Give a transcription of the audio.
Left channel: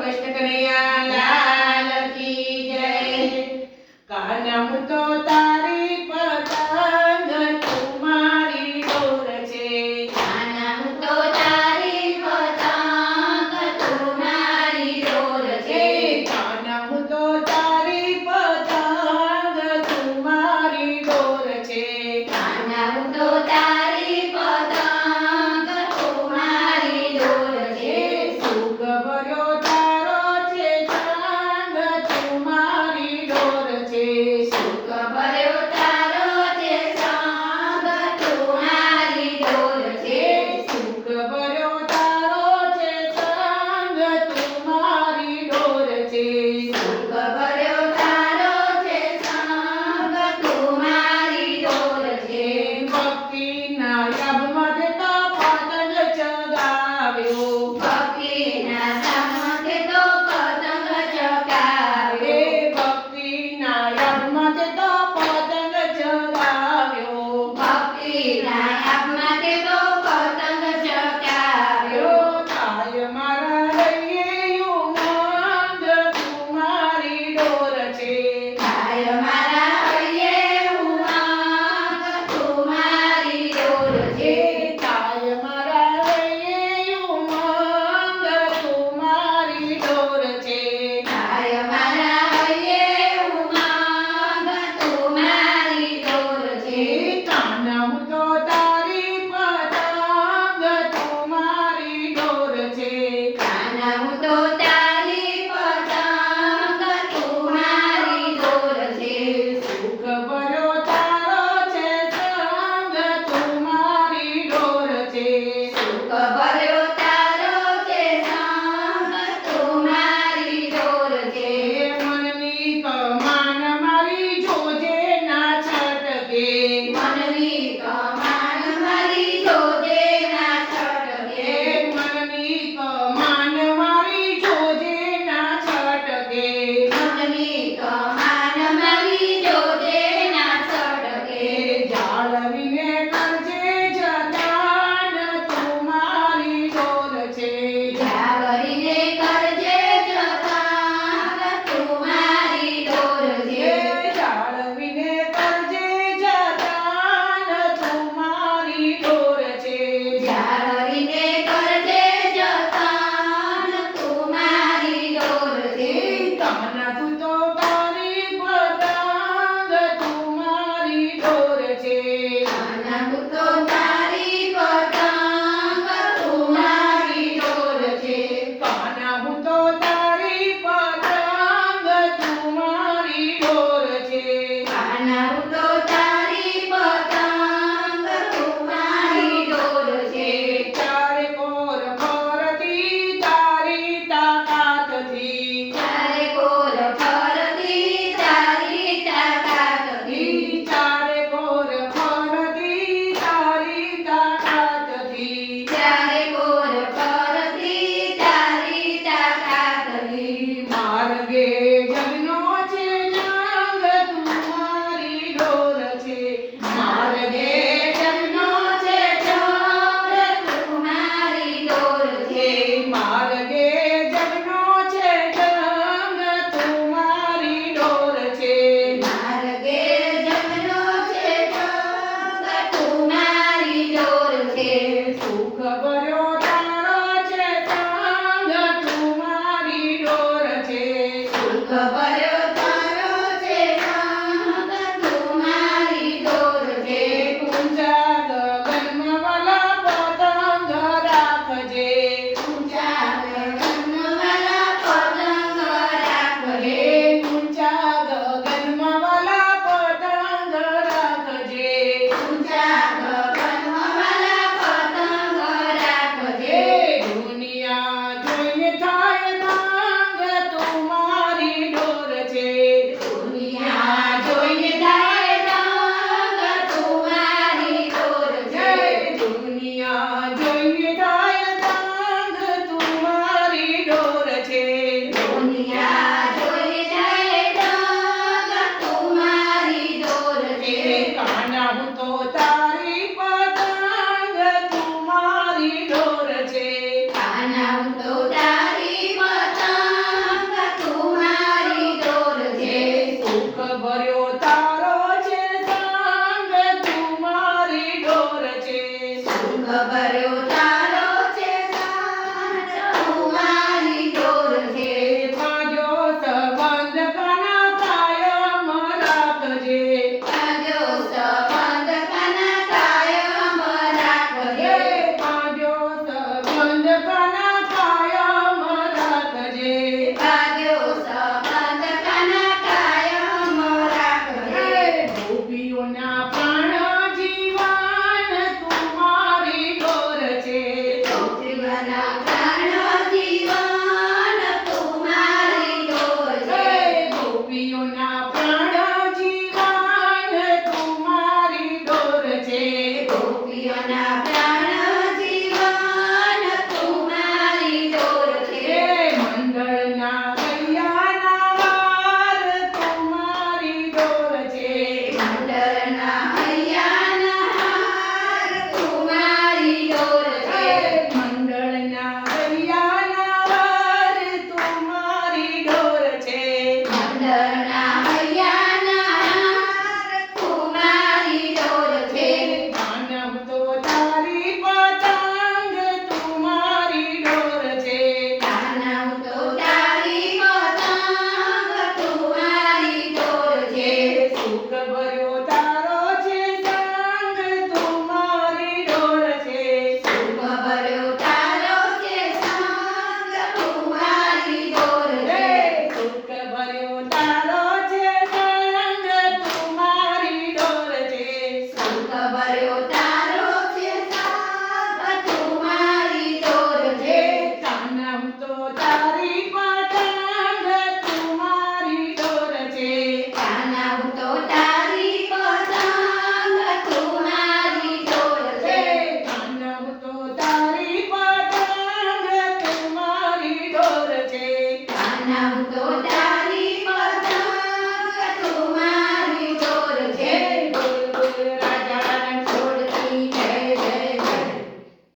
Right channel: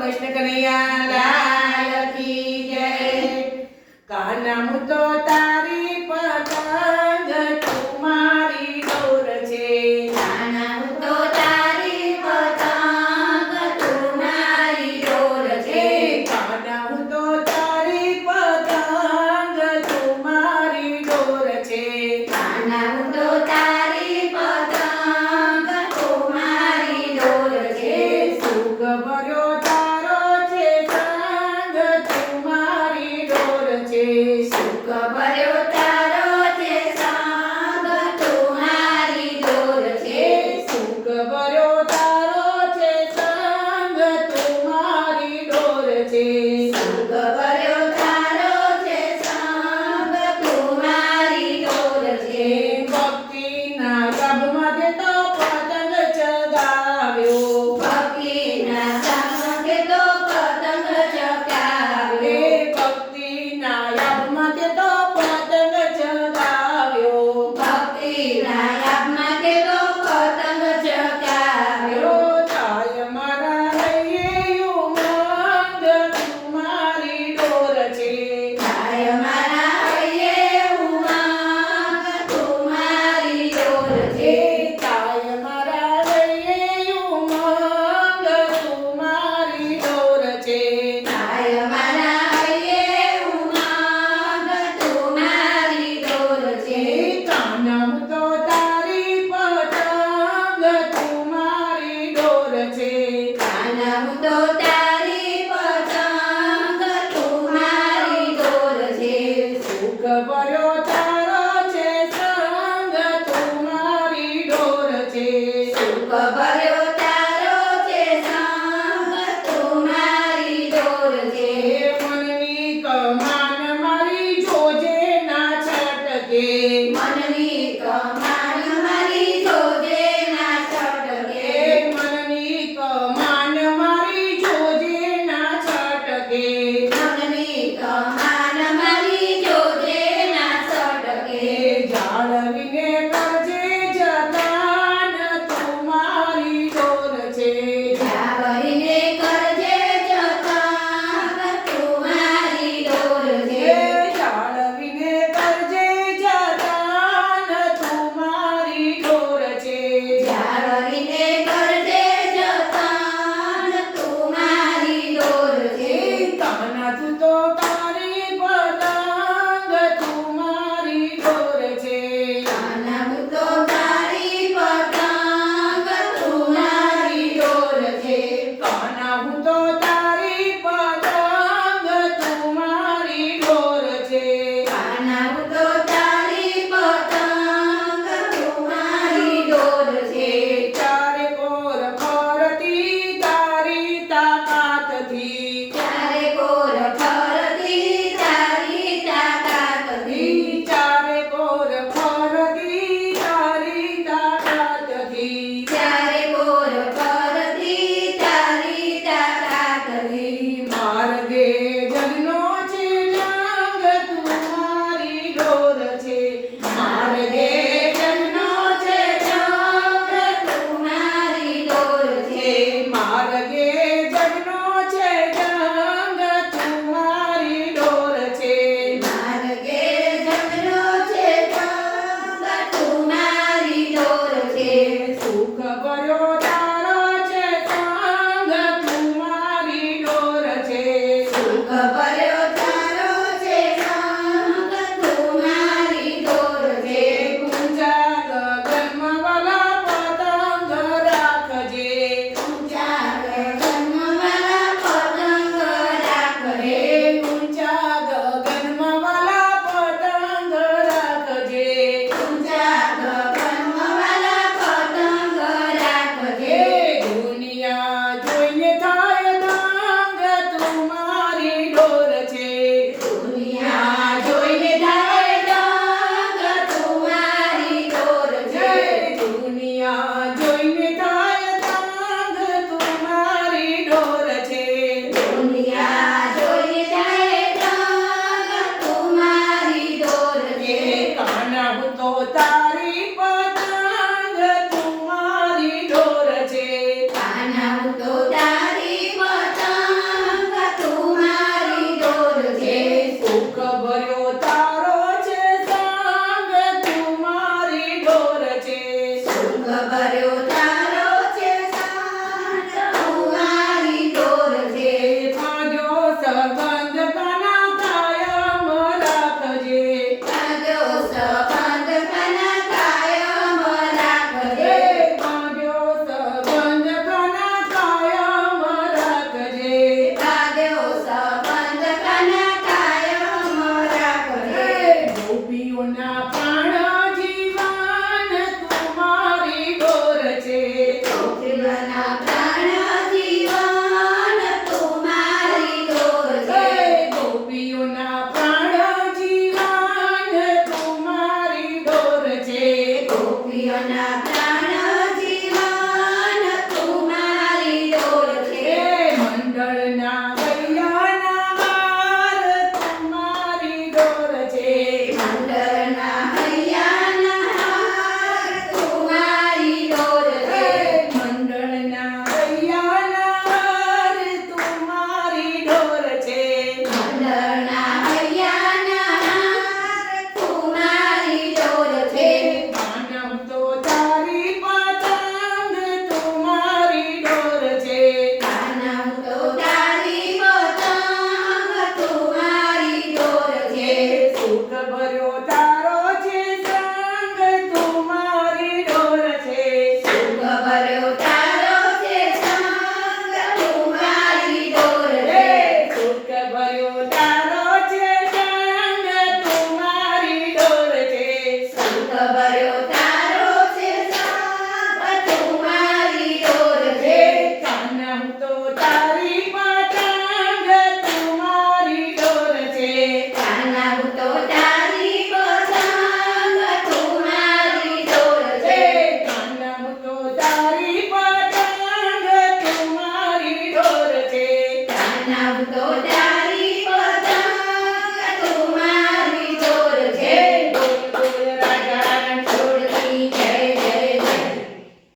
કૃષ્ણ કનૈયા લાલ કી જય. કાના હું તો તારી પતંગ તું મારી ડોર છે. કાના હું તો તારી પતંગ તું મારી ડોર છે. કાના હું તો તારી પતંગ તું મારી ડોર છે. કાના હું તો તારી પતંગ તું મારી ડોર છે. સુખ ભર્યો તારો છે સંગ તું મારી ડોર છે. સુખ ભર્યો તારો છે સંગ તું મારી ડોર છે. સુખ ભર્યો તારો છે સંગ તું મારી ડોર છે. સુખ ભર્યો તારો છે સંગ તું મારી ડોર છે. ભક્તિના યાબમાં દેતા પતંગ ચગાવ્યો. ભક્તિના સંગે તો પતંગ ચગાવ્યો. ભક્તિના યાબમાં દેતા પતંગ ચગાવ્યો. ભક્તિના યામમાં તે તો પતંગ ચગાવ્યો. થાય મારા હૈયે ઉમંગ તું મારી ડોર છે. થાય મારા હૈયે ઉમંગ તું મારી ડોર છે. થાય મારા હૈયે ઉમંગ તું મારી ડોર છે. થાય મારા હૈયે ઉમંગ તું મારી ડોર છે. કાના હું તો તારી પતંગ તું મારી ડોર છે. કાના હું તો તારી પતંગ તું મારી ડોર છે. સુખ ભર્યો તારો છે સંગ તું મારી ડોર છે. સુખ ભર્યો તારો છે સંગ તું મારી ડોર છે. મનની કમાન મારી જોજે ના છટકે. મનની કમાન મારી જોજે ના છટકે. મનની કમાન મારી જોજે ના છટકે. મનની કમાન મારી જોજે ના છટકે. જાળવીને કરજે જતન તું મારી ડોર છે. જાળવીને કરજે જતન તું મારી ડોર છે. જાળવીને કરજે જતન તું મારી ડોર છે. જાળવીને કરજે જતન તું મારી ડોર છે. કાના તું તો તારી પતંગ તું મારી ડોર છે. કાના હું તો તારી પતંગ તું મારી ડોર છે. કાના હું તો તારી પતંગ તું મારી ડોર છે. કાના હું તો તારી પતંગ તું મારી ડોર છે. ચારે કોર ફરતી તારી તાકાતથી. ચારે કોર ફરતી તારી તાકાતથી. ચારે કોર ફરતી તારી તાકાતથી. ચારે કોર ફરતી તારી તાકાતથી. માર્ગે જગનો છે જંગ તું મારી ડોર છે. માર્ગે જગનો છે જંગ તું મારી ડોર છે. માર્ગે જગનો છે જંગ તું મારી ડોર છે. માર્ગે જમનો છે જંગ તું મારી ડોર છે. સુખ ભર્યો તારો છે સંગ તું મારી ડોર છે. સુખ ભર્યો તારો છે સંગ તું મારી ડોર છે. ઊંચા ગગનમાં વાલા પતંગ રાખજે. ઊંચા ગગનવાલા પતંગ રાખજે. ઊંચા ગગનમાં વાલા પતંગ રાખજે. ઊંચા ગગનવાલા પતંગ રાખજે. દુનિયા જોઈને થાય માંગ તું મારી ડોર ઘરના